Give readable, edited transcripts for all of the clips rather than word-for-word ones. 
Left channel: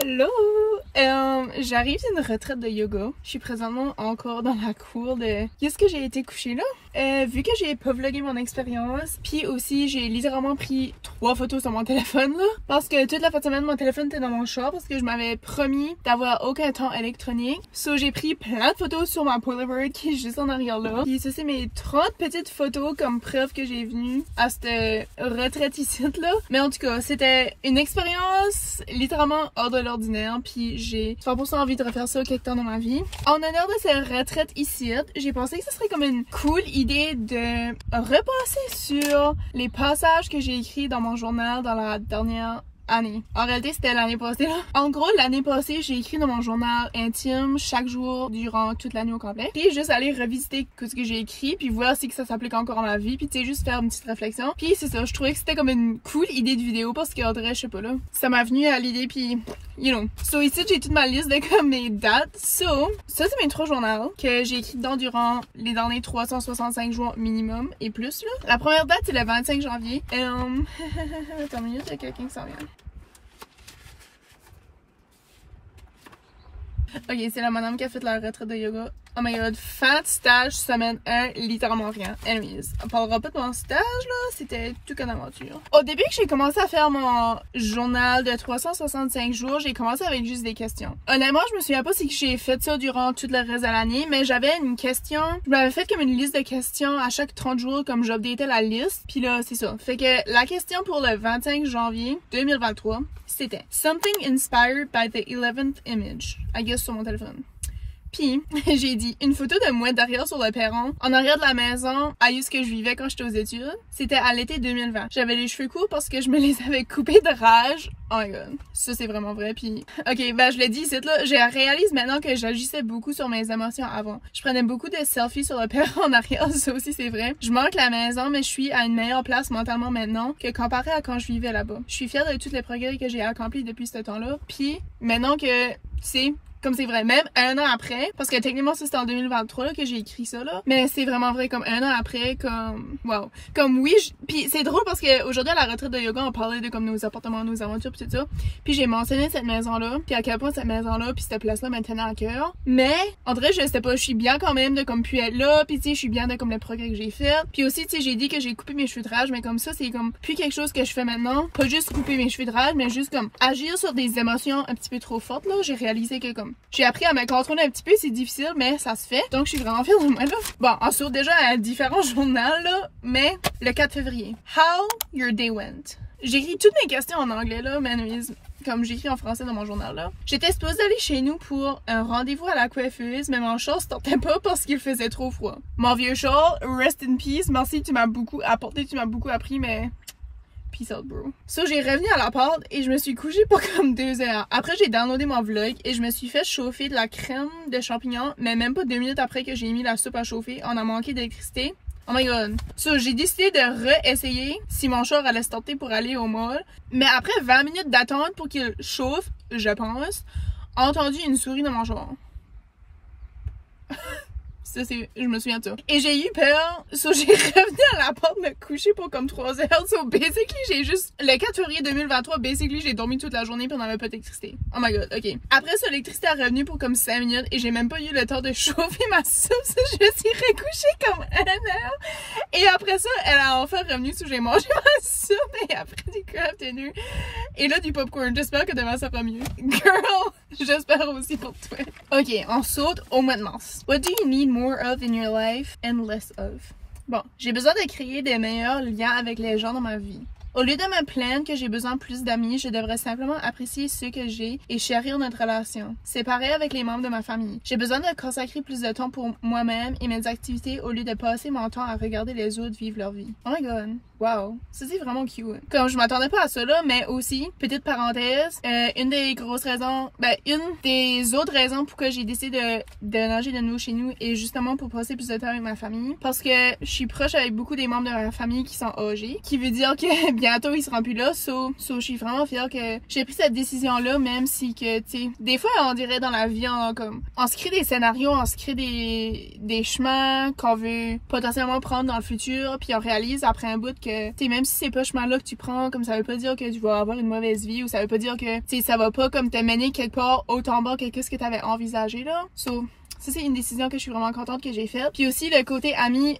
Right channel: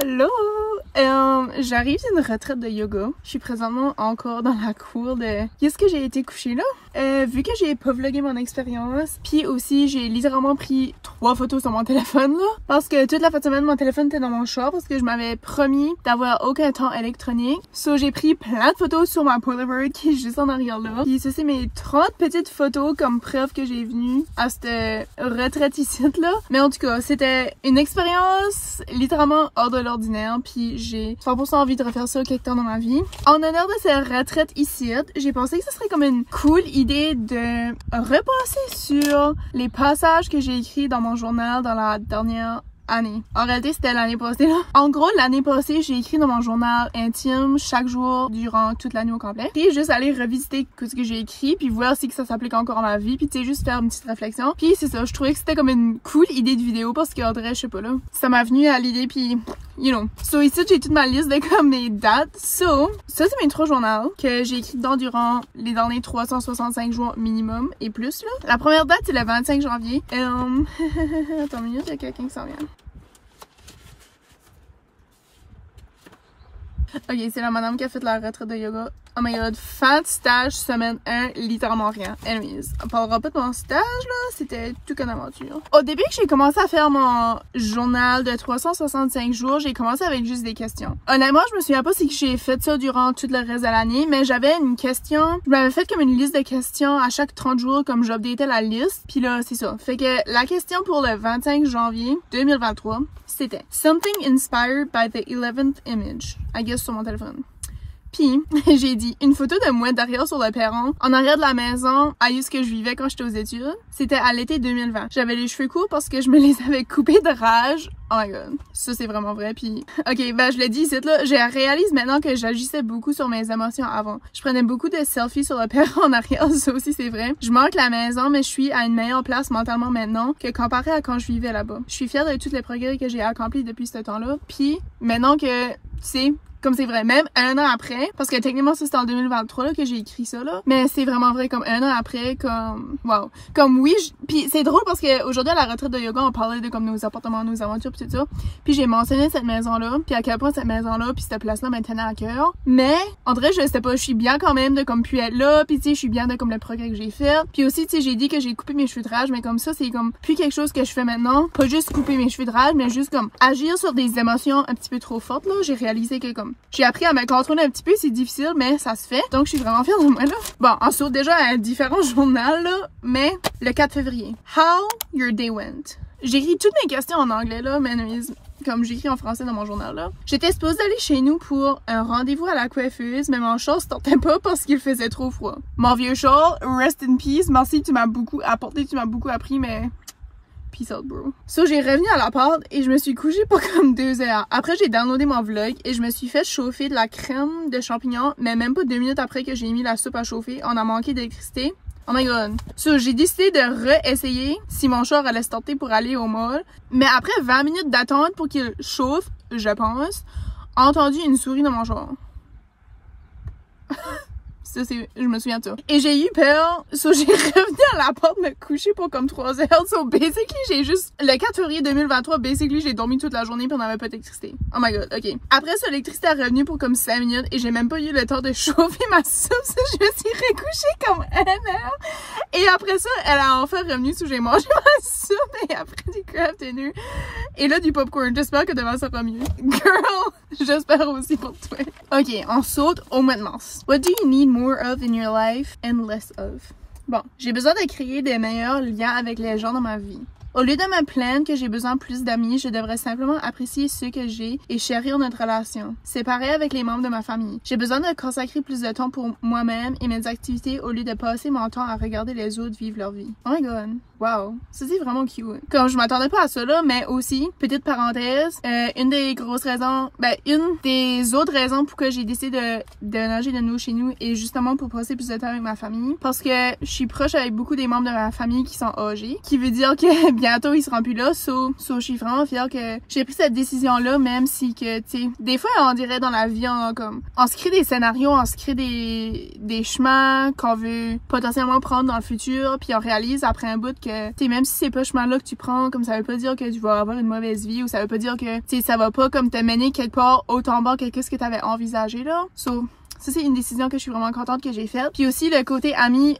Allô! J'arrive d'une retraite de yoga. Je suis présentement encore dans la cour de... Qu'est-ce que j'ai été couchée là? Vu que j'ai pas vlogué mon expérience, puis aussi j'ai littéralement pris 3 photos sur mon téléphone là, parce que toute la fin de semaine mon téléphone était dans mon char parce que je m'avais promis d'avoir aucun temps électronique. So j'ai pris plein de photos sur ma Polaroid qui est juste en arrière là. Puis ça c'est mes 30 petites photos comme preuve que j'ai venu à cette retraite ici là. Mais en tout cas, c'était une expérience littéralement hors de l'ordinaire, puis j'ai 100% envie de refaire ça quelque temps dans ma vie. En honneur de cette retraite ici, j'ai pensé que ce serait comme une cool idée de repasser sur les passages que j'ai écrits dans mon journal dans la dernière année. En réalité, c'était l'année passée là. En gros, l'année passée, j'ai écrit dans mon journal intime chaque jour durant toute l'année au complet. Puis juste aller revisiter tout ce que j'ai écrit, puis voir si que ça s'applique encore à ma vie, puis tu sais, juste faire une petite réflexion. Puis c'est ça, je trouvais que c'était comme une cool idée de vidéo parce qu'en vrai, je sais pas là, ça m'a venu à l'idée, puis you know. So ici, j'ai toute ma liste de comme mes dates. So, ça c'est mes 3 journaux que j'ai écrit dedans durant les derniers 365 jours minimum et plus là. La première date, c'est le 25 janvier. Attends une minute, il y a quelqu'un qui s'en vient. Ok, c'est la madame qui a fait la retraite de yoga. Oh my god, fin de stage semaine 1, littéralement rien. Anyways, on parlera pas de mon stage là, c'était tout qu'une aventure. Au début que j'ai commencé à faire mon journal de 365 jours, j'ai commencé avec juste des questions. Honnêtement, je me souviens pas si j'ai fait ça durant tout le reste de l'année, mais j'avais une question, je m'avais fait comme une liste de questions à chaque 30 jours comme j'updatais la liste, puis là c'est ça. Fait que la question pour le 25 janvier 2023, c'était Something inspired by the 11th image, I guess sur mon téléphone. Puis, j'ai dit une photo de moi derrière sur le perron, en arrière de la maison, à où ce que je vivais quand j'étais aux études. C'était à l'été 2020. J'avais les cheveux courts parce que je me les avais coupés de rage. Oh my god. Ça, c'est vraiment vrai. Puis, ok, ben, je l'ai dit ici, là. Je réalise maintenant que j'agissais beaucoup sur mes émotions avant. Je prenais beaucoup de selfies sur le perron en arrière. Ça aussi, c'est vrai. Je manque la maison, mais je suis à une meilleure place mentalement maintenant que comparé à quand je vivais là-bas. Je suis fière de tous les progrès que j'ai accomplis depuis ce temps-là. Puis, maintenant que, tu sais, comme c'est vrai, même un an après, parce que techniquement ça c'était en 2023 là, que j'ai écrit ça là, mais c'est vraiment vrai comme un an après, comme wow, comme oui, puis c'est drôle parce que aujourd'hui à la retraite de yoga on parlait de comme nos appartements, nos aventures pis tout ça, puis j'ai mentionné cette maison là, puis à quel point cette maison là puis cette place là me tenait à cœur, mais en vrai je sais pas, je suis bien quand même de comme pu être là, puis tu sais je suis bien de comme le progrès que j'ai fait, puis aussi tu sais j'ai dit que j'ai coupé mes cheveux de rage, mais comme ça c'est comme plus quelque chose que je fais maintenant, pas juste couper mes cheveux de rage, mais juste comme agir sur des émotions un petit peu trop fortes là, j'ai réalisé que comme j'ai appris à me contrôler un petit peu, c'est difficile, mais ça se fait. Donc, je suis vraiment fière de moi, là. Bon, on saute déjà à différents journaux, là, mais le 4 février. How your day went. J'écris toutes mes questions en anglais, là, mais comme j'écris en français dans mon journal, là. J'étais supposée aller chez nous pour un rendez-vous à la coiffeuse, mais mon char se tentait pas parce qu'il faisait trop froid. Mon vieux char, rest in peace, merci, tu m'as beaucoup apporté, tu m'as beaucoup appris, mais... Peace out, bro. So, j'ai revenu à l'appart et je me suis couchée pour comme 2 heures. Après, j'ai downloadé mon vlog et je me suis fait chauffer de la crème de champignons, mais même pas 2 minutes après que j'ai mis la soupe à chauffer, on a manqué d'électricité. Oh my god. So, j'ai décidé de réessayer si mon char allait se tenter pour aller au mall. Mais après 20 minutes d'attente pour qu'il chauffe, je pense, j'ai entendu une souris dans mon char. Ça, c'est, je me souviens de ça. Et j'ai eu peur, so j'ai revenu à la porte me coucher pour comme 3 heures. So basically, j'ai juste, le 4 février 2023, basically, j'ai dormi toute la journée puis on n'avait pas d'électricité. Oh my god, ok. Après ça, l'électricité est revenue pour comme 5 minutes et j'ai même pas eu le temps de chauffer ma soupe. So, je me suis recouchée comme 1 heure. Et après ça, elle a enfin revenu, so j'ai mangé ma soupe et après du crab tenu. Et là, du popcorn. J'espère que demain ça va mieux. Girl, j'espère aussi pour toi. Ok, on saute au mois de mars. What do you need more of in your life and less of? Bon, j'ai besoin de créer des meilleurs liens avec les gens dans ma vie. Au lieu de me plaindre que j'ai besoin de plus d'amis, je devrais simplement apprécier ceux que j'ai et chérir notre relation. C'est pareil avec les membres de ma famille. J'ai besoin de consacrer plus de temps pour moi-même et mes activités au lieu de passer mon temps à regarder les autres vivre leur vie. Oh my god. Wow. Ça c'est vraiment cute. Comme je m'attendais pas à ça là, mais aussi, petite parenthèse, une des grosses raisons, une des autres raisons pourquoi j'ai décidé de nager de nous chez nous est justement pour passer plus de temps avec ma famille. Parce que je suis proche avec beaucoup des membres de ma famille qui sont âgés. Qui veut dire que bientôt il sera plus là, so je suis vraiment fière que j'ai pris cette décision-là, même si que, tu sais, des fois on dirait dans la vie, on se crée des scénarios, on se crée des chemins qu'on veut potentiellement prendre dans le futur, puis on réalise après un bout que, tu sais, même si c'est pas le chemin-là que tu prends, comme ça veut pas dire que tu vas avoir une mauvaise vie, ou ça veut pas dire que, tu sais, ça va pas comme te mener quelque part autant bas que ce que t'avais envisagé, là. So, ça, c'est une décision que je suis vraiment contente que j'ai faite. Puis aussi, le côté ami,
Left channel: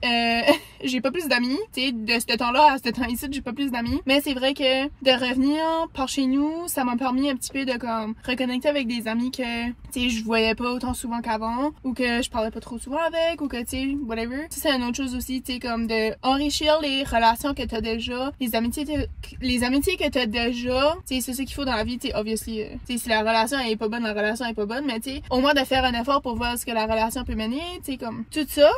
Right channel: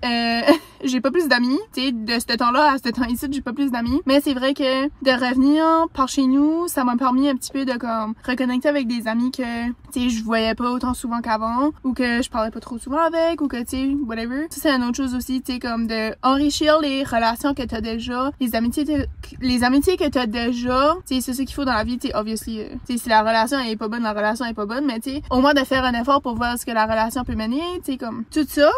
j'ai pas plus d'amis. Tu sais, de ce temps-là à ce temps-ci, j'ai pas plus d'amis. Mais c'est vrai que de revenir par chez nous, ça m'a permis un petit peu de comme reconnecter avec des amis que, tu sais, je voyais pas autant souvent qu'avant, ou que je parlais pas trop souvent avec, ou que, tu sais, whatever. Ça, c'est une autre chose aussi, tu sais, comme de enrichir les relations que t'as déjà, les amitiés que t'as déjà. Tu sais, c'est ce qu'il faut dans la vie, tu sais, obviously. Tu sais, si la relation elle est pas bonne, la relation elle est pas bonne, mais tu sais, au moins de faire un effort pour voir ce que la relation peut mener, tu sais, comme tout ça.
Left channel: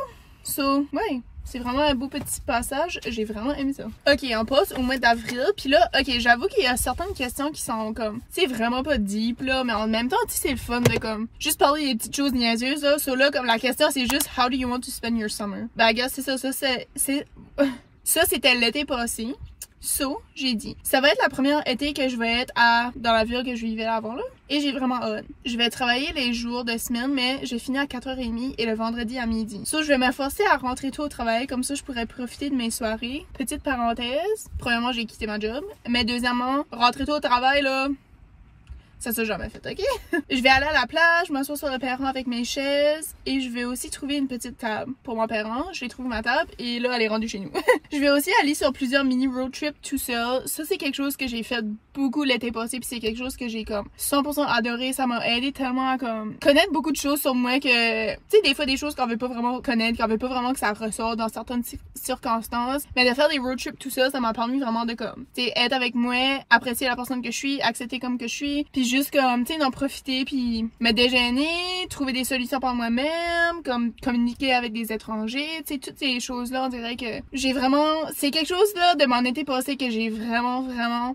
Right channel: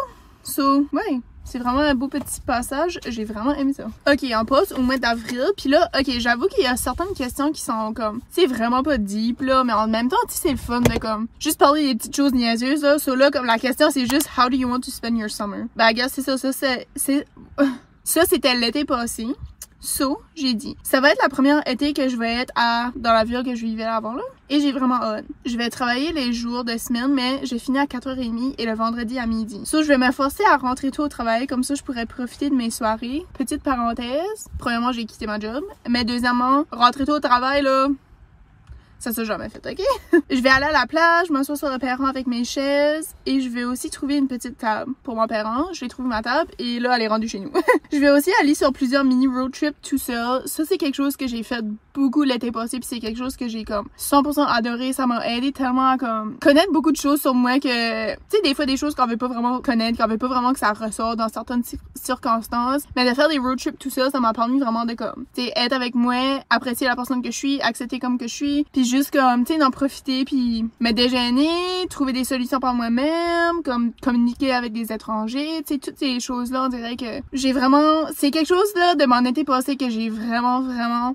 So, ouais. C'est vraiment un beau petit passage. J'ai vraiment aimé ça. Ok, on passe au mois d'avril. Puis là, ok, j'avoue qu'il y a certaines questions qui sont comme, c'est vraiment pas deep, là. Mais en même temps, tu sais, c'est le fun de comme, juste parler des petites choses niaiseuses, là. So là, comme la question, c'est juste, how do you want to spend your summer? Ben, regarde, c'est ça. Ça, c'était l'été passé. So, j'ai dit, ça va être la première été que je vais être dans la ville que je vivais avant, là. Et j'ai vraiment hâte. Je vais travailler les jours de semaine, mais j'ai fini à 4h30 et le vendredi à midi. So, je vais me forcer à rentrer tôt au travail, comme ça je pourrais profiter de mes soirées. Petite parenthèse, premièrement, j'ai quitté ma job. Mais deuxièmement, rentrer tôt au travail, là, ça s'est jamais fait, ok? Je vais aller à la plage, m'asseoir sur le perron avec mes chaises et je vais aussi trouver une petite table pour mon perron. Je vais trouver ma table et là, elle est rendue chez nous. Je vais aussi aller sur plusieurs mini road trips tout seul. Ça, c'est quelque chose que j'ai fait beaucoup l'été passé puis c'est quelque chose que j'ai comme 100% adoré. Ça m'a aidé tellement à comme connaître beaucoup de choses sur moi que, tu sais, des fois des choses qu'on veut pas vraiment connaître, qu'on veut pas vraiment que ça ressort dans certaines circonstances. Mais de faire des road trips tout seul, ça m'a permis vraiment de comme, tu sais, être avec moi, apprécier la personne que je suis, accepter comme que je suis, puis juste comme, tu sais, d'en profiter, puis me déjeuner, trouver des solutions par moi-même, comme communiquer avec des étrangers, tu sais, toutes ces choses-là, on dirait que j'ai vraiment, c'est quelque chose là de mon été passé que j'ai vraiment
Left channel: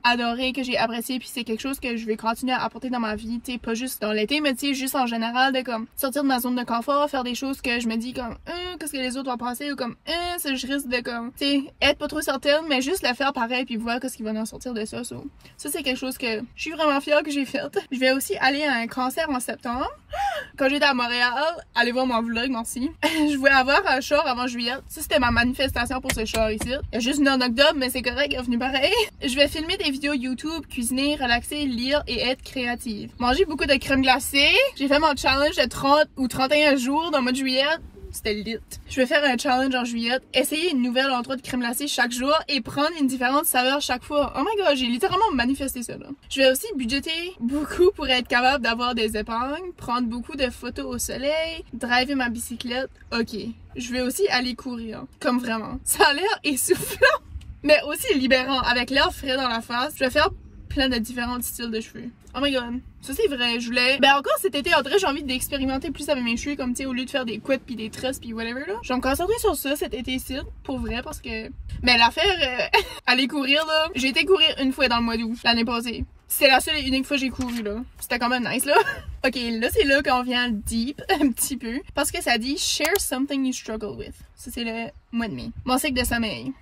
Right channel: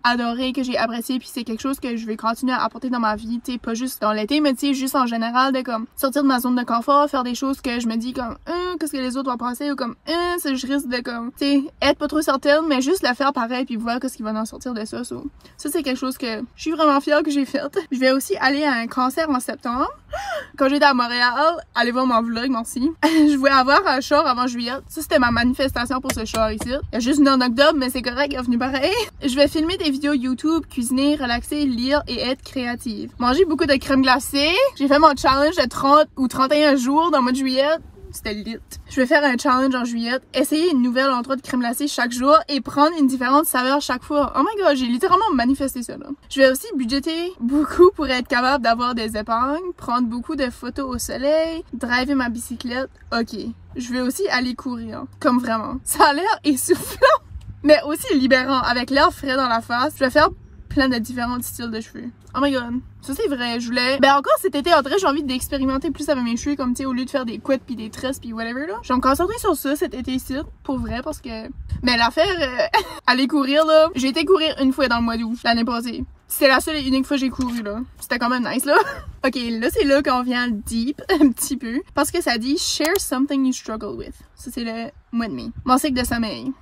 adoré, que j'ai apprécié, puis c'est quelque chose que je vais continuer à apporter dans ma vie, tu sais, pas juste dans l'été, mais tu sais, juste en général, de comme sortir de ma zone de confort, faire des choses que je me dis comme, qu'est-ce que les autres vont penser, ou comme, ça je risque de comme, tu sais, être pas trop certaine, mais juste le faire pareil, puis voir qu'est-ce qui va en sortir de ça. So, ça c'est quelque chose que je suis vraiment fière que j'ai fait. Je vais aussi aller à un concert en septembre. Quand j'étais à Montréal, allez voir mon vlog, merci. Je voulais avoir un char avant juillet. Ça, c'était ma manifestation pour ce char ici. Il y a juste une en octobre, mais c'est correct, il est venu pareil. Je vais filmer des vidéos YouTube, cuisiner, relaxer, lire et être créative. Manger beaucoup de crème glacée. J'ai fait mon challenge de 30 ou 31 jours dans le mois de juillet. C'était lit. Je vais faire un challenge en juillet, essayer une nouvelle endroit de crème glacée chaque jour et prendre une différente saveur chaque fois. Oh my god, j'ai littéralement manifesté ça là. Je vais aussi budgéter beaucoup pour être capable d'avoir des épargnes, prendre beaucoup de photos au soleil, driver ma bicyclette. Ok. Je vais aussi aller courir. Comme vraiment. Ça a l'air essoufflant, mais aussi libérant. Avec l'air frais dans la face, je vais faire plein de différents styles de cheveux. Oh my god. Ça c'est vrai, je voulais... Ben encore cet été, en vrai, j'ai envie d'expérimenter plus avec mes cheveux, comme tu sais, au lieu de faire des couettes puis des tresses puis whatever là. Je vais me concentrer sur ça cet été-ci, pour vrai, parce que... Mais l'affaire, aller courir là, j'ai été courir une fois dans le mois d'août, l'année passée. C'est la seule et unique fois que j'ai couru là. C'était quand même nice là. Ok, là c'est là qu'on vient deep un petit peu, parce que ça dit « Share something you struggle with ». Ça c'est le mois de mai. Mon cycle de sommeil.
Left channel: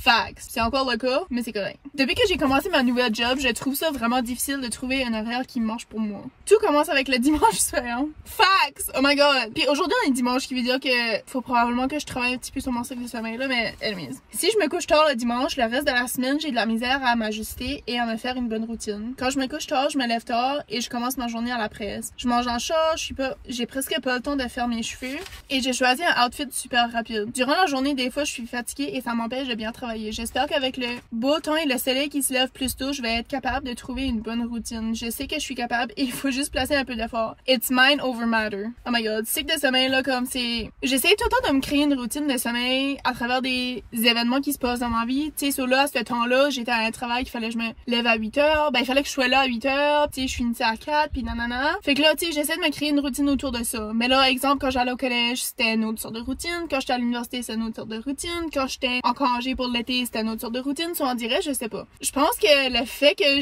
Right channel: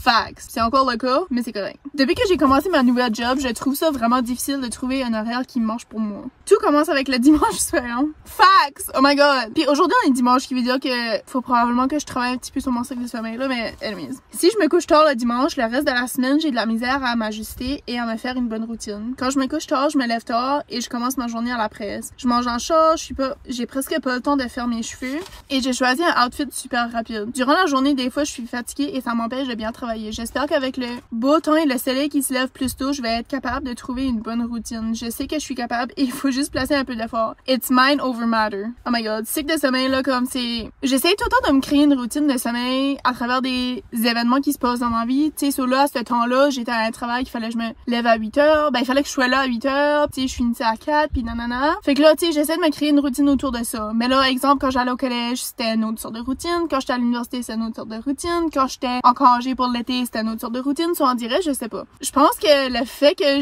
Facts. C'est encore le cas, mais c'est correct. Depuis que j'ai commencé ma nouvelle job, je trouve ça vraiment difficile de trouver un horaire qui marche pour moi. Tout commence avec le dimanche soir. Facts! Oh my god! Puis aujourd'hui on est dimanche, ce qui veut dire que faut probablement que je travaille un petit peu sur mon cycle de sommeil là, mais anyways. Si je me couche tard le dimanche, le reste de la semaine, j'ai de la misère à m'ajuster et à me faire une bonne routine. Quand je me couche tard, je me lève tard et je commence ma journée à la presse. Je mange en chat, j'ai presque pas le temps de faire mes cheveux et j'ai choisi un outfit super rapide. Durant la journée, des fois, je suis fatiguée et ça m'empêche de bien travailler. J'espère qu'avec le beau temps et le soleil qui se lève plus tôt, je vais être capable de trouver une bonne routine. Je sais que je suis capable et il faut juste placer un peu d'effort. It's mind over matter. Oh my god, cycle de sommeil là, comme c'est... J'essaie tout le temps de me créer une routine de sommeil à travers des événements qui se passent dans ma vie. Tu sais, so là, à ce temps-là, j'étais à un travail qu'il fallait que je me lève à 8h. Ben, il fallait que je sois là à 8h. Tu sais, je finissais à 4 puis nanana. Fait que là, tu sais, j'essaie de me créer une routine autour de ça. Mais là, exemple, quand j'allais au collège, c'était une autre sorte de routine. Quand j'étais à l'université, c'était une autre sorte de routine. Quand j'étais en congé pour l'été, c'était une autre sorte de routine. Soit on dirait, je sais pas. Je pense que le fait que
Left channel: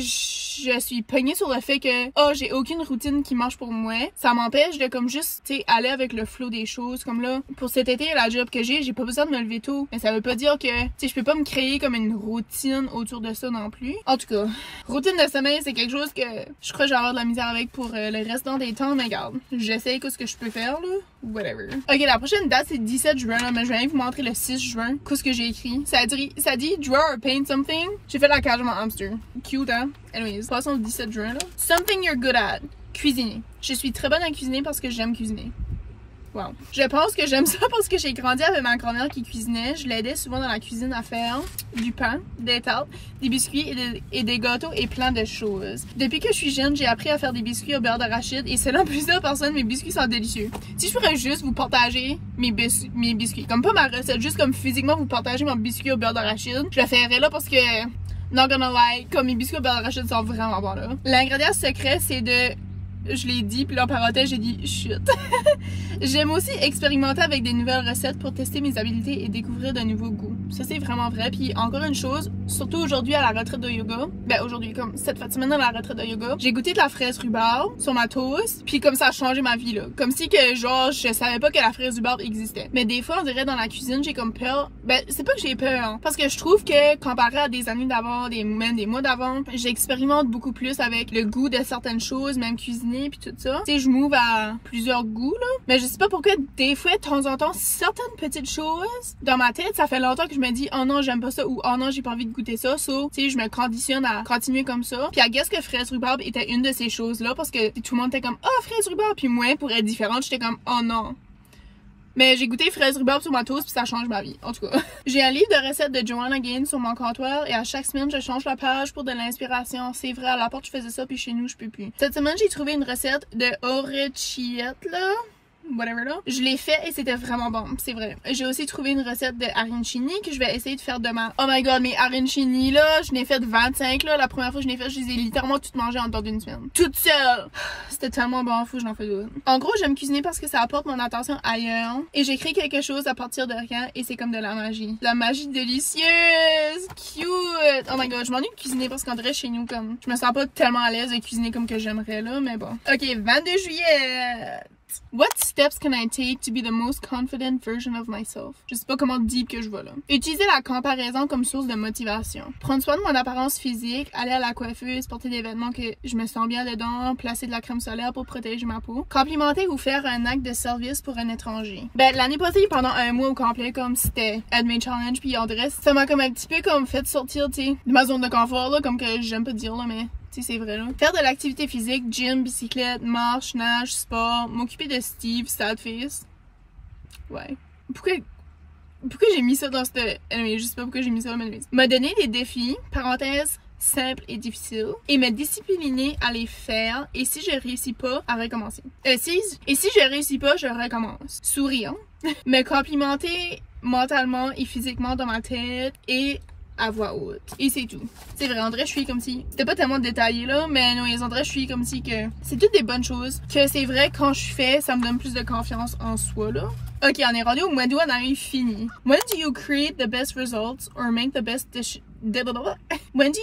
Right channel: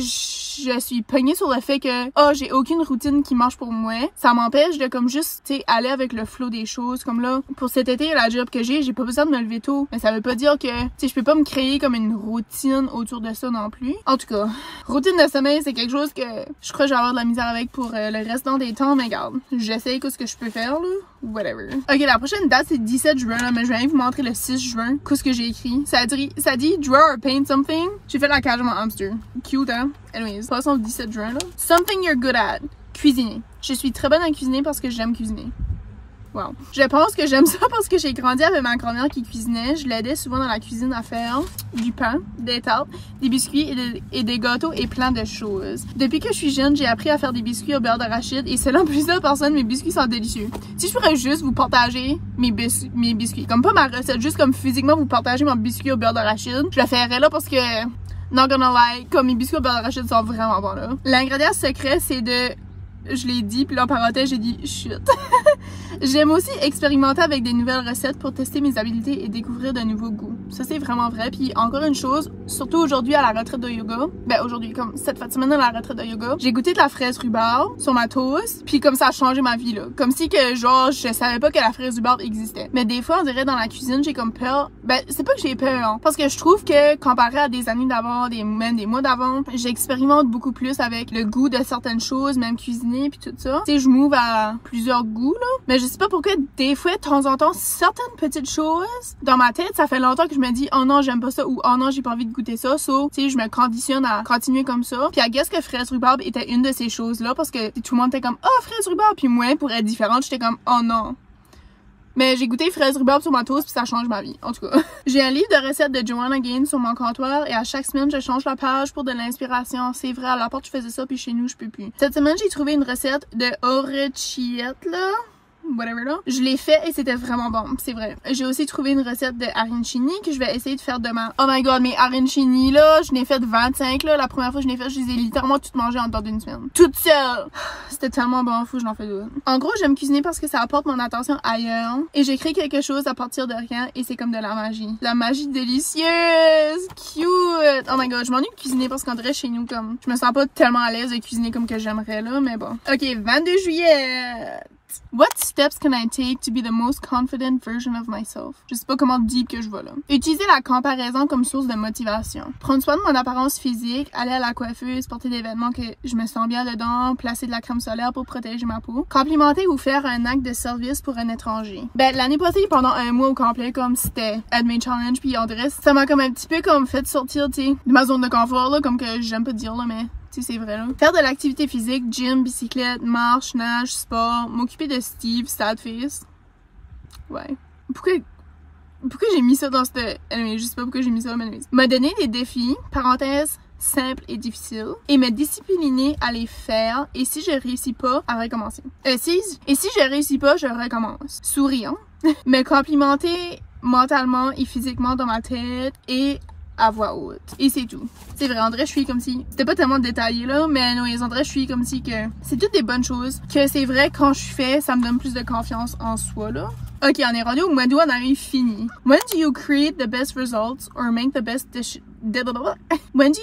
je suis pognée sur le fait que oh j'ai aucune routine qui marche pour moi, ça m'empêche de comme juste tu sais aller avec le flow des choses. Comme là pour cet été la job que j'ai pas besoin de me lever tôt, mais ça veut pas dire que tu sais je peux pas me créer comme une routine autour de ça non plus. En tout cas, routine de sommeil c'est quelque chose que je crois que je vais avoir de la misère avec pour le restant des temps, mais regarde, j'essaye ce que je peux faire là, whatever. Ok, la prochaine date c'est 17 juin là, mais je vais vous montrer le 6 juin qu'est-ce que j'ai écrit. Ça dit draw or paint something. J'ai fait la cage de mon hamster. Cute hein? Anyways, passons au 17 juin là. Something you're good at. Cuisiner. Je suis très bonne à cuisiner parce que j'aime cuisiner. Wow. Je pense que j'aime ça parce que j'ai grandi avec ma grand-mère qui cuisinait. Je l'aidais souvent dans la cuisine à faire du pain, des tartes, des biscuits et des gâteaux et plein de choses. Depuis que je suis jeune, j'ai appris à faire des biscuits au beurre d'arachide et selon plusieurs personnes, mes biscuits sont délicieux. Si je pourrais juste vous partager mes biscuits, comme pas ma recette, juste comme physiquement vous partager mon biscuit au beurre d'arachide, je le ferais là parce que, not gonna lie, comme mes biscuits au beurre d'arachide sont vraiment bons là. L'ingrédient secret, c'est de... Je l'ai dit, puis là en parenthèse, j'ai dit chut. J'aime aussi expérimenter avec des nouvelles recettes pour tester mes habiletés et découvrir de nouveaux goûts. Ça c'est vraiment vrai. Puis encore une chose, surtout aujourd'hui à la retraite de yoga, ben aujourd'hui comme cette fin de semaine à la retraite de yoga, j'ai goûté de la fraise rhubarbe sur ma toast, puis comme ça a changé ma vie là. Comme si que genre je savais pas que la fraise rhubarbe existait. Mais des fois on dirait dans la cuisine j'ai comme peur. Ben c'est pas que j'ai peur, hein, parce que je trouve que comparé à des années d'avant, même des mois d'avant, j'expérimente beaucoup plus avec le goût de certaines choses, même cuisiner puis tout ça. Tu sais, je m'ouvre à plusieurs goûts là. Mais je sais pas pourquoi des fois de temps en temps certaines petites choses dans ma tête, ça fait longtemps que je me dis oh non, j'aime pas ça ou oh non, j'ai pas envie de goûter ça. So, tu sais, je me conditionne à continuer comme ça. Puis I guess que fraise rhubarbe était une de ces choses là parce que tout le monde était comme oh fraise rhubarbe, puis moi pour être différente, j'étais comme oh non. Mais j'ai goûté fraise rhubarbe sur ma toast puis ça change ma vie, en tout cas. J'ai un livre de recettes de Joanna Gaines sur mon comptoir et à chaque semaine, je change la page pour de l'inspiration. C'est vrai, à la porte, je faisais ça puis chez nous, je peux plus. Cette semaine, j'ai trouvé une recette de orecchiette, là. Whatever là. Je l'ai fait et c'était vraiment bon, c'est vrai. J'ai aussi trouvé une recette de arancini que je vais essayer de faire demain. Oh my god, mes arancini là, je n'ai fait 25 là. La première fois que je l'ai fait, je les ai littéralement toutes mangées en dedans d'une semaine. Toute seule! C'était tellement bon, faut que j'en fais d'autres. En gros, j'aime cuisiner parce que ça apporte mon attention ailleurs. Et j'écris quelque chose à partir de rien et c'est comme de la magie. La magie délicieuse! Cute! Oh my god, je m'ennuie de cuisiner parce qu'en vrai, chez nous, comme, je me sens pas tellement à l'aise de cuisiner comme que j'aimerais là, mais bon. Ok, 22 juillet! What steps can I take to be the most confident version of myself? Je sais pas comment deep que je vais là. Utiliser la comparaison comme source de motivation. Prendre soin de mon apparence physique, aller à la coiffeuse, porter des vêtements que je me sens bien dedans, placer de la crème solaire pour protéger ma peau. Complimenter ou faire un acte de service pour un étranger. Ben, l'année passée, pendant un mois au complet, comme c'était Admade Challenge puis on dirait, ça m'a comme un petit peu comme fait sortir, tu sais, de ma zone de confort là, comme que j'aime pas dire là, mais... c'est vrai là. Faire de l'activité physique, gym, bicyclette, marche, nage, sport, m'occuper de Steve, sad face. Ouais. Pourquoi j'ai mis ça dans cette... je sais pas pourquoi j'ai mis ça, mais me donner des défis, parenthèse, simples et difficiles, et me discipliner à les faire, et si je réussis pas, à recommencer. Et si je réussis pas, je recommence. Sourire. Me complimenter mentalement et physiquement dans ma tête, et à voix haute. Et c'est tout. C'est vrai, André, je suis comme si... C'était pas tellement détaillé là, mais non, André, je suis comme si que... C'est toutes des bonnes choses que c'est vrai, quand je fais, ça me donne plus de confiance en soi là. Ok, on est rendu au mois d'août, on arrive fini. When do you create the best results or make the best When do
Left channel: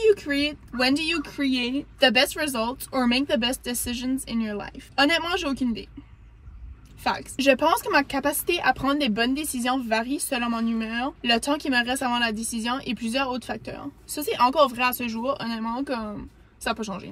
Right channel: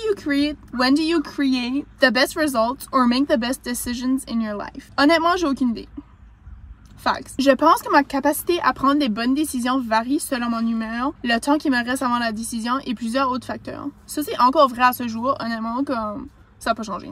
you create the best results or make the best decisions in your life? Honnêtement, j'ai aucune idée. Facts. Je pense que ma capacité à prendre les bonnes décisions varie selon mon humeur, le temps qui me reste avant la décision et plusieurs autres facteurs. Ça, c'est encore vrai à ce jour, honnêtement, comme ça n'a pas changé.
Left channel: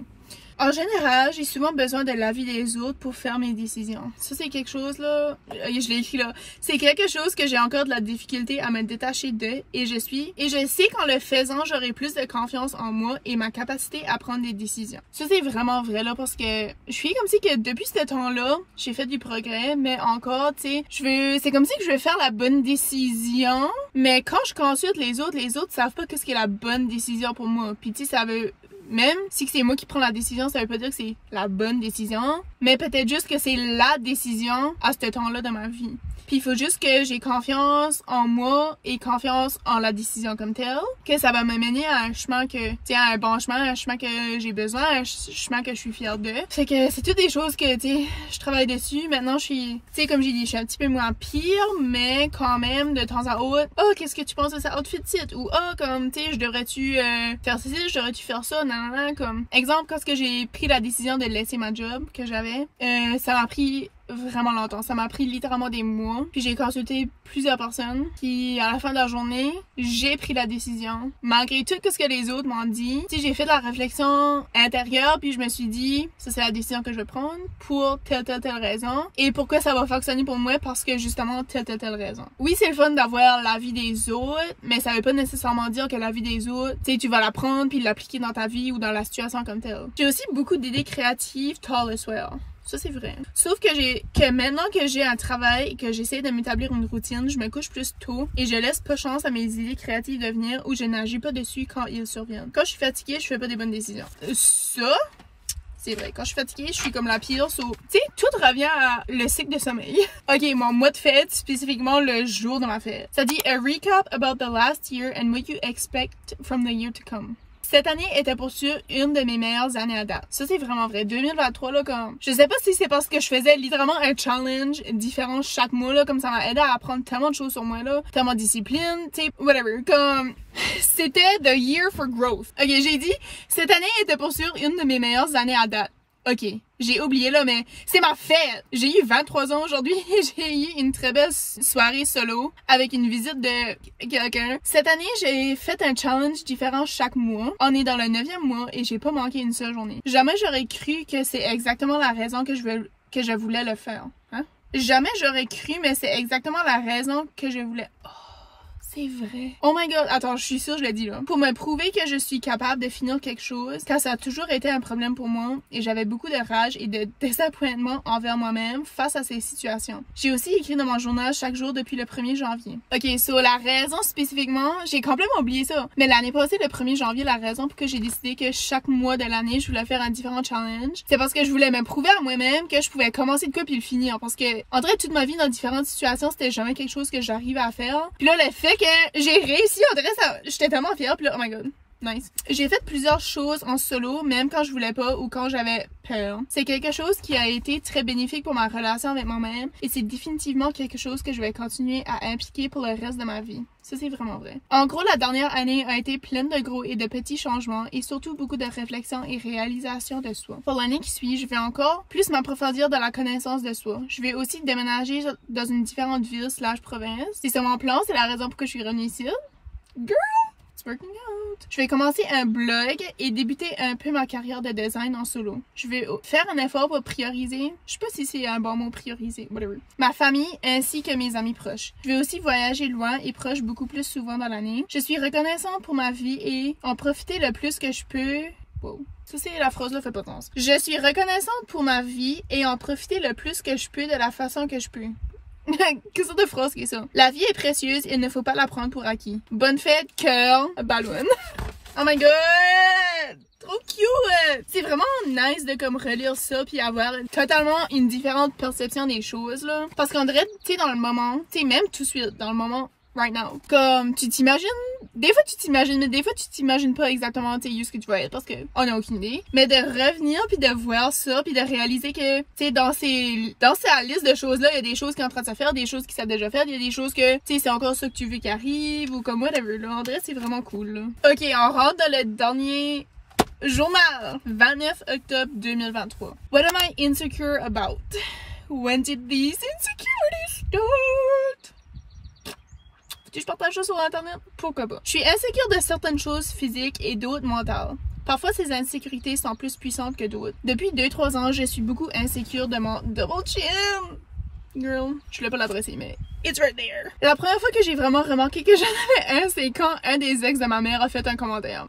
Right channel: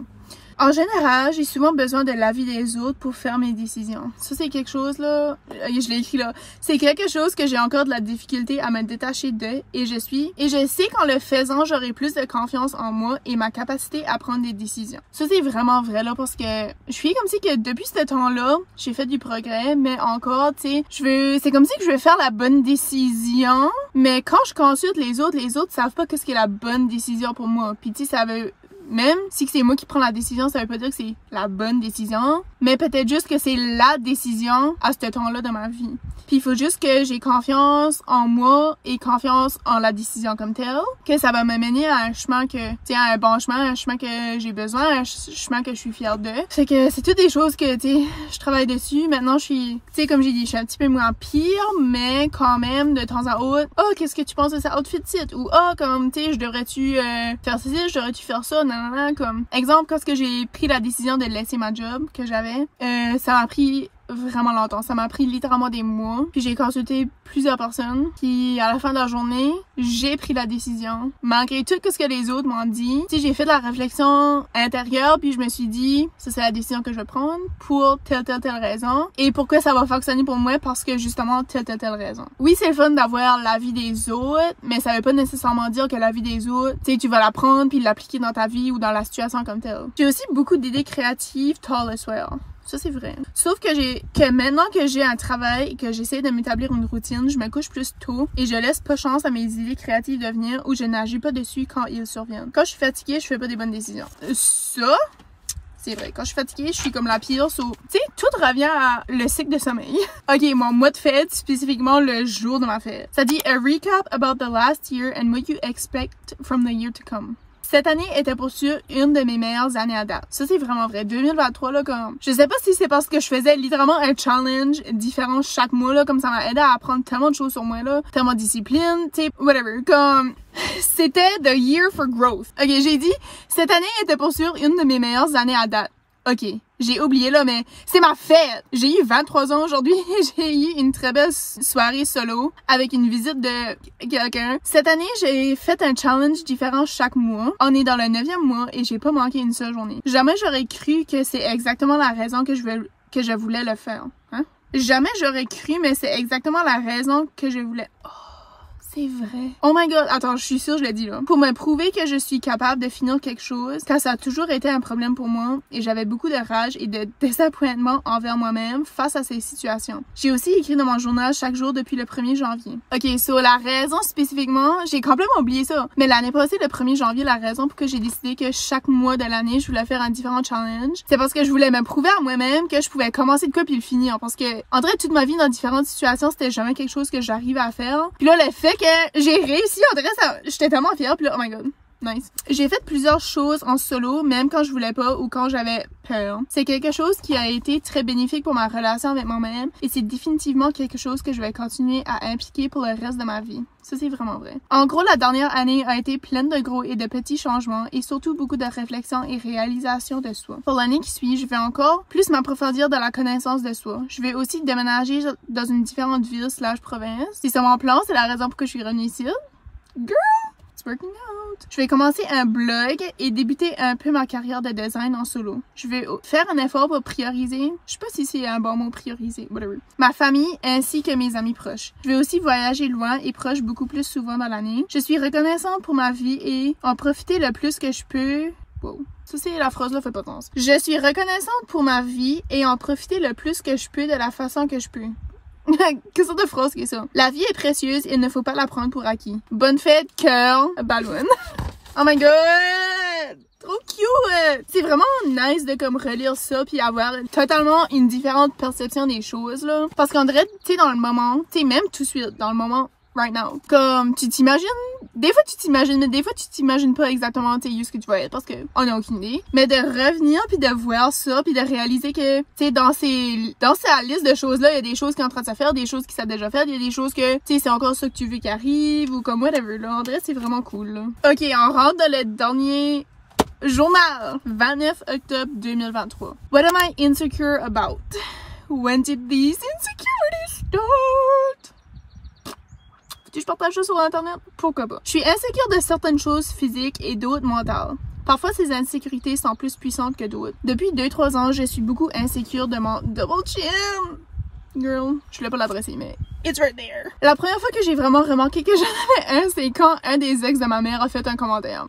En général, j'ai souvent besoin de l'avis des autres pour faire mes décisions. Ça, c'est quelque chose, là, je l'ai écrit là, c'est quelque chose que j'ai encore de la difficulté à me détacher de, et je sais qu'en le faisant, j'aurai plus de confiance en moi et ma capacité à prendre des décisions. Ça, c'est vraiment vrai, là, parce que je suis comme si que depuis ce temps-là, j'ai fait du progrès, mais encore, tu sais, c'est comme si que je veux faire la bonne décision, mais quand je consulte les autres savent pas qu'est-ce qui est la bonne décision pour moi. Puis, tu sais, ça veut... Même si c'est moi qui prends la décision, ça veut pas dire que c'est la bonne décision, mais peut-être juste que c'est la décision à ce temps-là de ma vie. Puis il faut juste que j'ai confiance en moi et confiance en la décision comme telle, que ça va me mener à un chemin que, tu sais, un bon chemin, un chemin que j'ai besoin, un chemin que je suis fière de. Fait que c'est toutes des choses que, tu sais, je travaille dessus. Maintenant, je suis, tu sais, comme j'ai dit, je suis un petit peu moins pire, mais quand même, de temps à autre, oh, qu'est-ce que tu penses de ça outfit-ci? Ou, oh, comme, tu sais, je devrais-tu faire ceci, je devrais-tu faire ça? Non, nanana, comme exemple, quand j'ai pris la décision de laisser ma job que j'avais, ça m'a pris vraiment longtemps. Ça m'a pris littéralement des mois. Puis j'ai consulté plusieurs personnes. Puis à la fin de la journée, j'ai pris la décision. Malgré tout ce que les autres m'ont dit, tu sais, j'ai fait de la réflexion intérieure. Puis je me suis dit, ça c'est la décision que je vais prendre pour telle raison. Et pourquoi ça va fonctionner pour moi? Parce que justement, telle raison. Oui, c'est le fun d'avoir l'avis des autres, mais ça veut pas nécessairement dire que l'avis des autres, tu sais, tu vas la prendre puis l'appliquer dans ta vie ou dans la situation comme telle. J'ai aussi beaucoup d'idées créatives tall as well. Ça, c'est vrai. Sauf que maintenant que j'ai un travail et que j'essaie de m'établir une routine, je me couche plus tôt et je laisse pas chance à mes idées créatives de venir ou je n'agis pas dessus quand ils surviennent. Quand je suis fatiguée, je fais pas des bonnes décisions. Ça, c'est vrai. Quand je suis fatiguée, je suis comme la pire. Tu sais, tout revient à le cycle de sommeil. Ok, mon mois de fête, spécifiquement le jour de ma fête. Ça dit « A recap about the last year and what you expect from the year to come ». Cette année était pour sûr une de mes meilleures années à date. Ça, c'est vraiment vrai. 2023, là, comme... Je sais pas si c'est parce que je faisais littéralement un challenge différent chaque mois, là, comme ça m'a aidé à apprendre tellement de choses sur moi, là. Tellement de discipline, tu sais, whatever. Comme... C'était the year for growth. Ok, j'ai dit, cette année était pour sûr une de mes meilleures années à date. Ok, j'ai oublié là, mais c'est ma fête! J'ai eu 23 ans aujourd'hui et j'ai eu une très belle soirée solo avec une visite de quelqu'un. Cette année, j'ai fait un challenge différent chaque mois. On est dans le 9e mois et j'ai pas manqué une seule journée. Jamais j'aurais cru que c'est exactement la raison que je voulais le faire. Hein? Jamais j'aurais cru, mais c'est exactement la raison que je voulais... C'est vrai. Oh my god, attends, je suis sûre, je l'ai dit là. Pour me prouver que je suis capable de finir quelque chose, car ça a toujours été un problème pour moi et j'avais beaucoup de rage et de désappointement envers moi-même face à ces situations. J'ai aussi écrit dans mon journal chaque jour depuis le 1er janvier. Ok, sur la raison spécifiquement, j'ai complètement oublié ça. Mais l'année passée, le 1er janvier, la raison pour que j'ai décidé que chaque mois de l'année, je voulais faire un différent challenge, c'est parce que je voulais me prouver à moi-même que je pouvais commencer de quoi puis le finir. Parce que, en vrai, toute ma vie, dans différentes situations, c'était jamais quelque chose que j'arrivais à faire. Puis là, le fait que j'ai réussi, on dirait ça, j'étais tellement fière, puis là, oh my god, nice. J'ai fait plusieurs choses en solo, même quand je voulais pas ou quand j'avais peur. C'est quelque chose qui a été très bénéfique pour ma relation avec moi-même et c'est définitivement quelque chose que je vais continuer à impliquer pour le reste de ma vie. Ça, c'est vraiment vrai. En gros, la dernière année a été pleine de gros et de petits changements et surtout beaucoup de réflexion et réalisation de soi. Pour l'année qui suit, je vais encore plus m'approfondir dans la connaissance de soi. Je vais aussi déménager dans une différente ville / province. C'est ça mon plan, c'est la raison pour que je suis revenue ici. Girl! It's working out. Je vais commencer un blog et débuter un peu ma carrière de design en solo. Je vais faire un effort pour prioriser, je sais pas si c'est un bon mot prioriser, whatever, ma famille ainsi que mes amis proches. Je vais aussi voyager loin et proche beaucoup plus souvent dans l'année. Je suis reconnaissante pour ma vie et en profiter le plus que je peux. Wow. Ça, c'est la phrase là, fait pas de sens. Je suis reconnaissante pour ma vie et en profiter le plus que je peux de la façon que je peux. Quelle sorte de phrase qui est ça? La vie est précieuse et il ne faut pas la prendre pour acquis. Bonne fête, cœur, ballon. Oh my god! Trop cute! C'est vraiment nice de comme relire ça puis avoir totalement une différente perception des choses là. Parce qu'on dirait, tu sais, dans le moment, tu sais, même tout de suite, dans le moment, right now. Comme, tu t'imagines, des fois tu t'imagines, mais des fois tu t'imagines pas exactement, tu sais, ce que tu vas être parce que on a aucune idée. Mais de revenir puis de voir ça puis de réaliser que, tu sais, dans sa liste de choses là, il y a des choses qui sont en train de se faire, des choses qui sont déjà faites, il y a des choses que, tu sais, c'est encore ça que tu veux qui arrive ou comme whatever là. En vrai, c'est vraiment cool là. Ok, on rentre dans le dernier journal. 29 octobre 2023. What am I insecure about? When did these insecurities start? Je partage ça sur internet? Pourquoi pas? Je suis insécure de certaines choses physiques et d'autres mentales. Parfois, ces insécurités sont plus puissantes que d'autres. Depuis 2-3 ans, je suis beaucoup insécure de mon double chin. Girl, je voulais pas l'adresser, mais it's right there. La première fois que j'ai vraiment remarqué que j'en avais un, c'est quand un des ex de ma mère a fait un commentaire.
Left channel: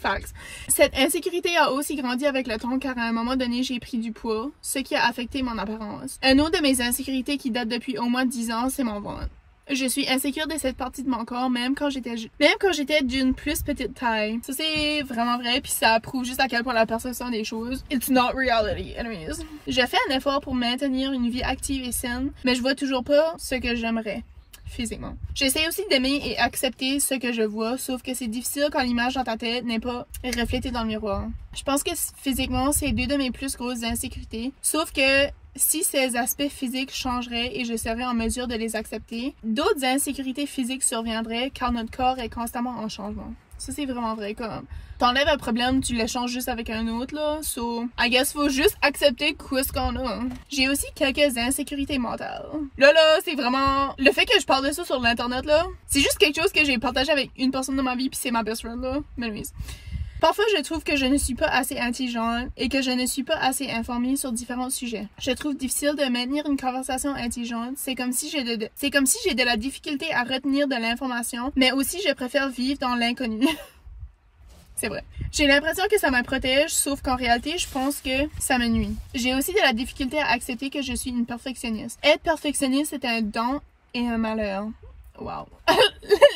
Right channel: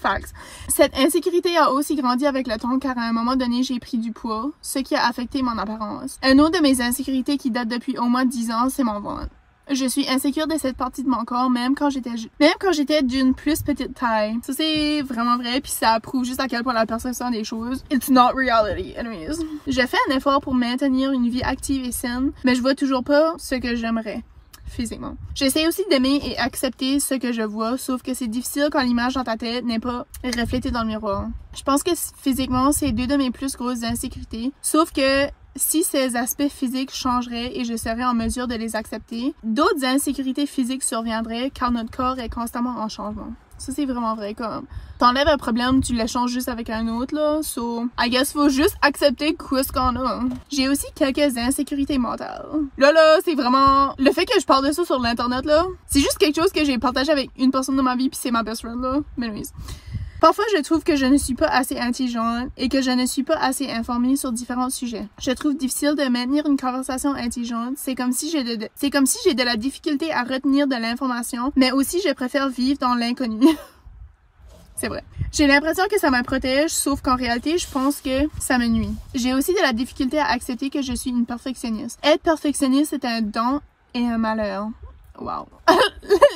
Facts. Cette insécurité a aussi grandi avec le temps car à un moment donné, j'ai pris du poids, ce qui a affecté mon apparence. Un autre de mes insécurités qui date depuis au moins 10 ans, c'est mon ventre. Je suis insécure de cette partie de mon corps, même quand j'étais d'une plus petite taille. Ça, c'est vraiment vrai, puis ça prouve juste à quel point la perception des choses, it's not reality, anyways. Je fais un effort pour maintenir une vie active et saine, mais je vois toujours pas ce que j'aimerais. Physiquement. J'essaie aussi d'aimer et accepter ce que je vois, sauf que c'est difficile quand l'image dans ta tête n'est pas reflétée dans le miroir. Je pense que physiquement, c'est deux de mes plus grosses insécurités, sauf que si ces aspects physiques changeraient et je serais en mesure de les accepter, d'autres insécurités physiques surviendraient car notre corps est constamment en changement. Ça, c'est vraiment vrai, comme... T'enlèves un problème, tu l'échanges juste avec un autre, là. So, I guess faut juste accepter ce qu'on a. J'ai aussi quelques insécurités mentales. Là, c'est vraiment... Le fait que je parle de ça sur l'internet, là, c'est juste quelque chose que j'ai partagé avec une personne de ma vie, puis c'est ma best friend, là. Mais anyways. Parfois, je trouve que je ne suis pas assez intelligente et que je ne suis pas assez informée sur différents sujets. Je trouve difficile de maintenir une conversation intelligente. C'est comme si j'ai de la difficulté à retenir de l'information, mais aussi je préfère vivre dans l'inconnu. C'est vrai. J'ai l'impression que ça me protège, sauf qu'en réalité, je pense que ça me nuit. J'ai aussi de la difficulté à accepter que je suis une perfectionniste. Être perfectionniste est un don et un malheur. Wow.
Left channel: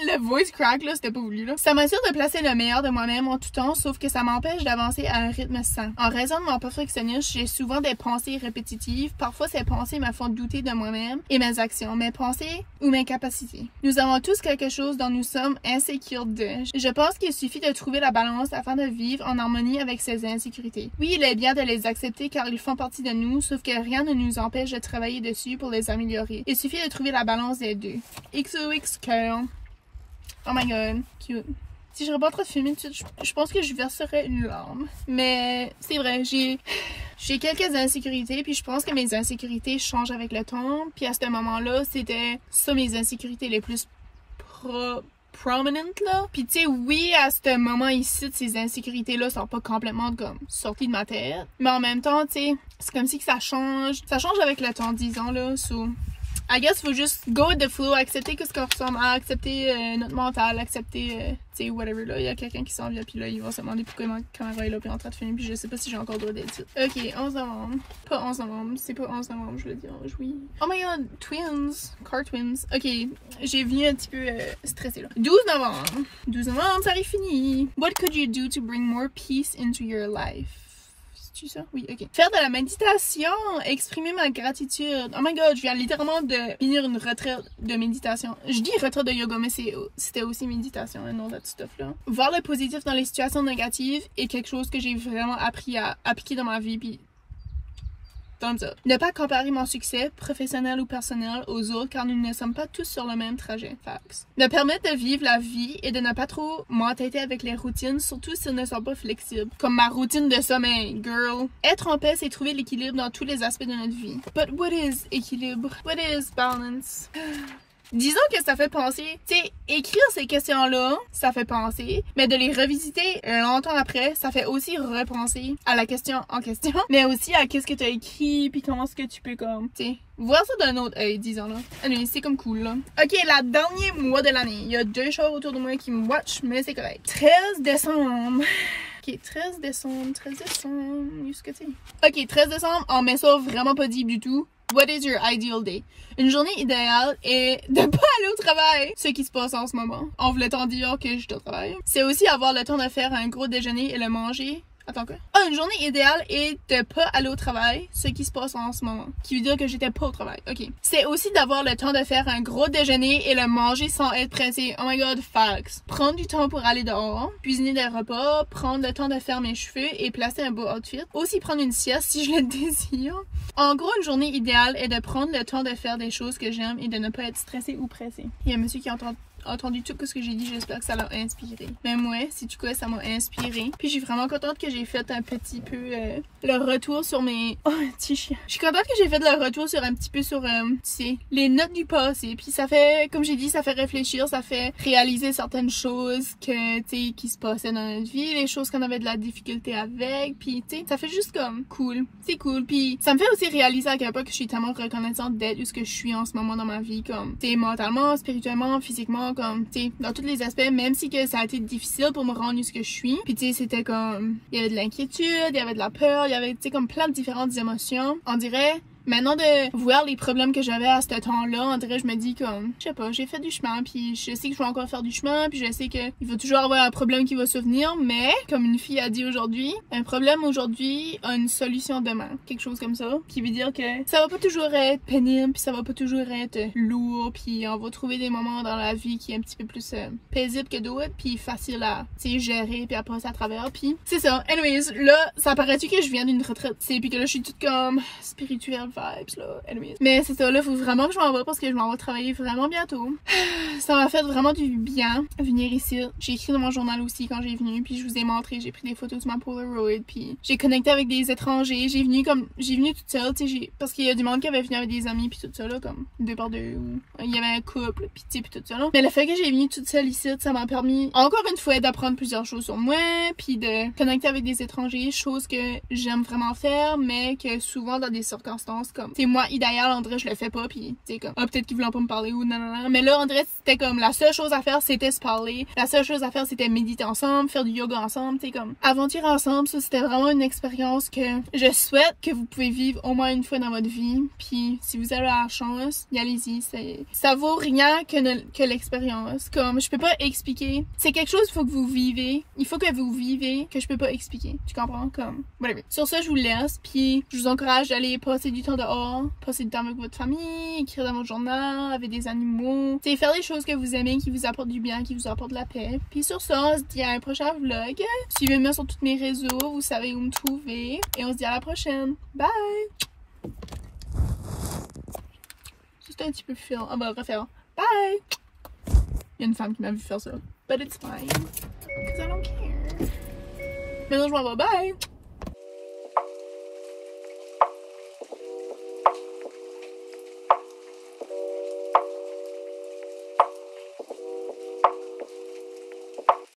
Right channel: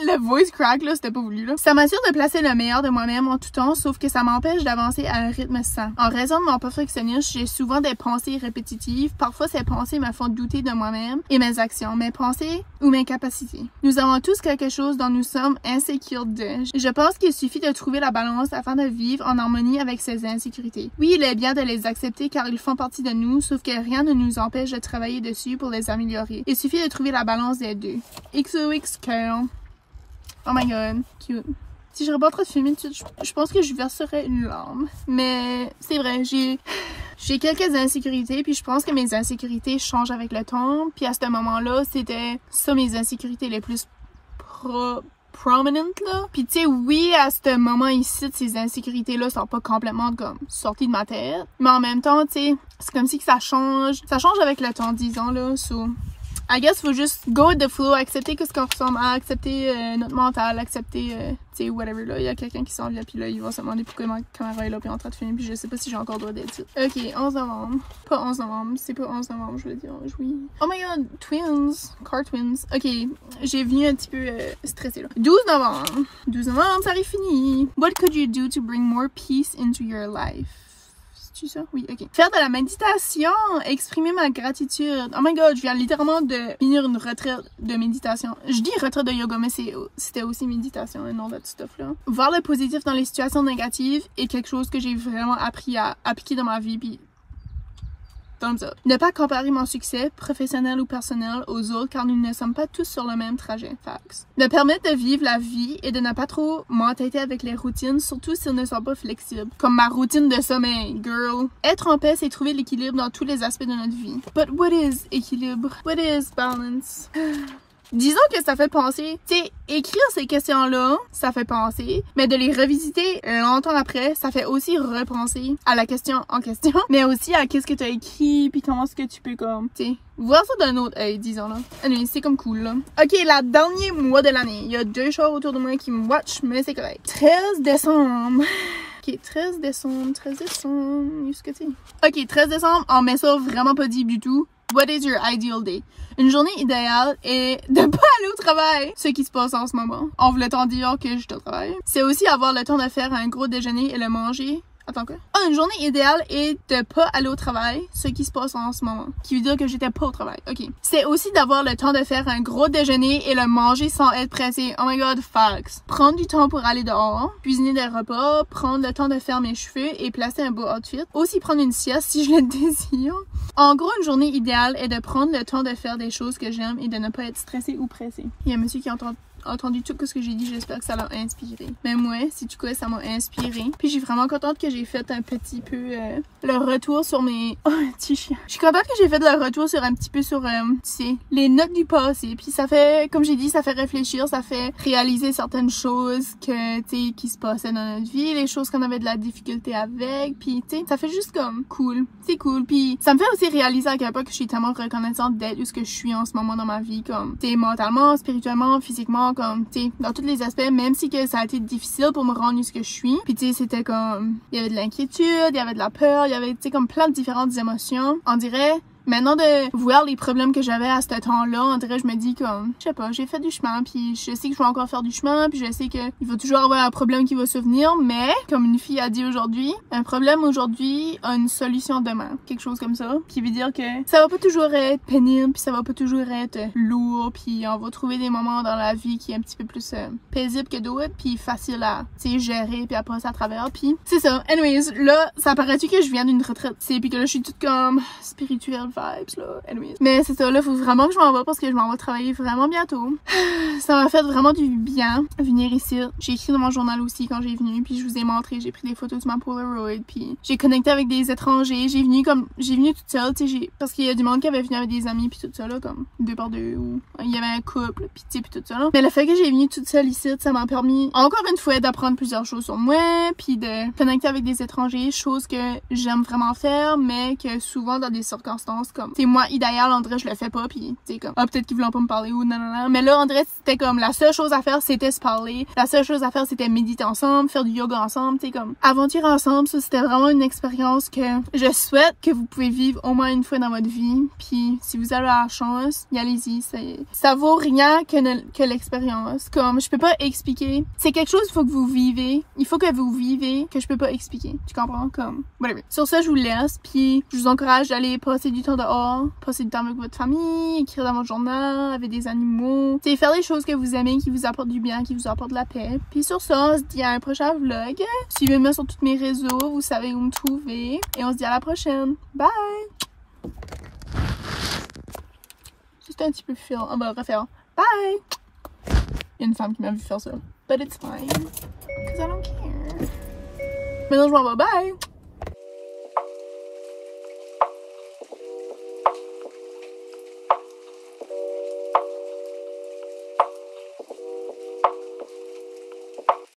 Le voice crack, là, c'était pas voulu, là. Ça m'assure de placer le meilleur de moi-même en tout temps, sauf que ça m'empêche d'avancer à un rythme sain. En raison de mon perfectionnisme, j'ai souvent des pensées répétitives. Parfois, ces pensées me font douter de moi-même et mes actions, mes pensées ou mes capacités. Nous avons tous quelque chose dont nous sommes insécures de. Je pense qu'il suffit de trouver la balance afin de vivre en harmonie avec ces insécurités. Oui, il est bien de les accepter car ils font partie de nous, sauf que rien ne nous empêche de travailler dessus pour les améliorer. Il suffit de trouver la balance des deux. XOX Curl. Oh my god, cute. Si je pas trop de filmer tout de suite, je pense que je verserais une larme. Mais c'est vrai, j'ai quelques insécurités, puis je pense que mes insécurités changent avec le temps. Puis à ce moment-là, c'était ça mes insécurités les plus prominentes, là. Puis tu sais, oui, à ce moment ici, ces insécurités-là sont pas complètement comme sorties de ma tête. Mais en même temps, tu sais, c'est comme si que ça change avec le temps, disons, là. So, I guess faut juste go with the flow, accepter ce qu'on ressemble à, accepter notre mental, accepter, tu sais, whatever, là. Il y a quelqu'un qui s'en vient, puis là, il va se demander pourquoi ma caméra est là, puis en train de filmer, puis je sais pas si j'ai encore droit d'être. Ok, 11 novembre. Pas 11 novembre, c'est pas 11 novembre, je le dis, oui. Oh my god, twins, car twins. Ok, j'ai venu un petit peu stressée, là. 12 novembre. 12 novembre, ça arrive fini. What could you do to bring more peace into your life? Ça? Oui, ok. Faire de la méditation, exprimer ma gratitude. Oh my god, je viens littéralement de finir une retraite de méditation. Je dis retraite de yoga, mais c'était aussi méditation, et non that stuff là. Voir le positif dans les situations négatives est quelque chose que j'ai vraiment appris à appliquer dans ma vie, puis thumbs up. Ne pas comparer mon succès, professionnel ou personnel, aux autres car nous ne sommes pas tous sur le même trajet. Facts. Me permettre de vivre la vie et de ne pas trop m'entêter avec les routines, surtout si elles ne sont pas flexibles. Comme ma routine de sommeil, girl. Être en paix, c'est trouver l'équilibre dans tous les aspects de notre vie. But what is équilibre? What is balance? Disons que ça fait penser, tu sais, écrire ces questions-là, ça fait penser, mais de les revisiter longtemps après, ça fait aussi repenser à la question en question, mais aussi à qu'est-ce que tu as écrit, puis comment est-ce que tu peux comme, tu sais, voir ça d'un autre œil, disons là. Allez, c'est comme cool là. Ok, la dernier mois de l'année, il y a 2 chars autour de moi qui me watch, mais c'est correct. 13 décembre. Ok, 13 décembre, qu'est-ce que c'est? Ok, 13 décembre, on met ça vraiment pas deep du tout. What is your ideal day? Une journée idéale est de pas aller au travail, ce qui se passe en ce moment. On voulait tant dire que je suis au travail. C'est aussi avoir le temps de faire un gros déjeuner et le manger. Attends quoi? Ah, une journée idéale est de pas aller au travail, ce qui se passe en ce moment. Qui veut dire que j'étais pas au travail. Ok. C'est aussi d'avoir le temps de faire un gros déjeuner et le manger sans être pressé. Oh my god, facts. Prendre du temps pour aller dehors, cuisiner des repas, prendre le temps de faire mes cheveux et placer un beau outfit. Aussi prendre une sieste si je le désire. En gros, une journée idéale est de prendre le temps de faire des choses que j'aime et de ne pas être stressé ou pressé. Il y a un monsieur qui entend entendu tout ce que j'ai dit, j'espère que ça l'a inspiré. Même moi, si tu connais, ça m'a inspiré. Puis je suis vraiment contente que j'ai fait un petit peu le retour sur mes... Oh, petit chien. Je suis contente que j'ai fait le retour sur un petit peu sur, tu sais, les notes du passé. Puis ça fait, comme j'ai dit, ça fait réfléchir, ça fait réaliser certaines choses que, tu sais, qui se passaient dans notre vie, les choses qu'on avait de la difficulté avec. Puis, tu sais, ça fait juste comme cool. C'est cool. Puis ça me fait aussi réaliser à quel point que je suis tellement reconnaissante d'être où ce que je suis en ce moment dans ma vie, comme, tu sais, mentalement, spirituellement, physiquement, comme, tu sais, dans tous les aspects, même si que ça a été difficile pour me rendre où ce que je suis. Puis, tu sais, c'était comme, il y avait de l'inquiétude, il y avait de la peur, il y avait, tu sais, comme plein de différentes émotions. On dirait, maintenant de voir les problèmes que j'avais à ce temps-là, on dirait, je me dis comme, je sais pas, j'ai fait du chemin, puis je sais que je vais encore faire du chemin, puis je sais que il va toujours avoir un problème qui va survenir, mais, comme une fille a dit aujourd'hui, un problème aujourd'hui a une solution demain. Quelque chose comme ça, qui veut dire que ça va pas toujours être pénible, puis ça va pas toujours être lourd, puis on va trouver des moments dans la vie qui est un petit peu plus paisible que d'autres, puis facile à, tu sais, gérer, puis à passer à travers, puis c'est ça. Anyways, là, ça paraît-tu que je viens d'une retraite, tu sais, puis que là, je suis toute comme spirituelle, vibes, là. Anyways. Mais c'est ça, là, faut vraiment que je m'en vais parce que je m'en vais travailler vraiment bientôt. Ça m'a fait vraiment du bien venir ici. J'ai écrit dans mon journal aussi quand j'ai venu, puis je vous ai montré, j'ai pris des photos de ma Polaroid, puis j'ai connecté avec des étrangers. J'ai venu toute seule, tu sais, parce qu'il y a du monde qui avait venu avec des amis, puis tout ça, là, comme 2 par 2, ou il y avait un couple, puis tu sais, puis tout ça, là. Mais le fait que j'ai venu toute seule ici, ça m'a permis, encore une fois, d'apprendre plusieurs choses sur moi, puis de connecter avec des étrangers, chose que j'aime vraiment faire, mais que souvent dans des circonstances comme, tu sais, moi, idéal, en vrai, je le fais pas, puis tu sais, comme, ah, peut-être qu'ils voulaient pas me parler, ou non, non, non. Mais là, en vrai, c'était comme, la seule chose à faire, c'était se parler. La seule chose à faire, c'était méditer ensemble, faire du yoga ensemble, tu sais, comme, aventure ensemble. Ça, c'était vraiment une expérience que je souhaite que vous pouvez vivre au moins une fois dans votre vie. Puis, si vous avez la chance, allez-y. Ça vaut rien que l'expérience. Comme, je peux pas expliquer. C'est quelque chose qu'il faut que vous vivez. Il faut que vous vivez, que je peux pas expliquer. Tu comprends? Comme, whatever. Sur ça, je vous laisse. Puis, je vous encourage d'aller passer du temps dehors, passer du temps avec votre famille, écrire dans votre journal, avec des animaux. Tu sais, faire des choses que vous aimez, qui vous apportent du bien, qui vous apportent de la paix. Puis sur ça, on se dit à un prochain vlog. Suivez-moi sur tous mes réseaux, vous savez où me trouver. Et on se dit à la prochaine. Bye! Juste un petit peu fil. On va refaire. Bye! Il y a une femme qui m'a vu faire ça. But it's fine. Because I don't care. Maintenant, je m'en vais. Bye!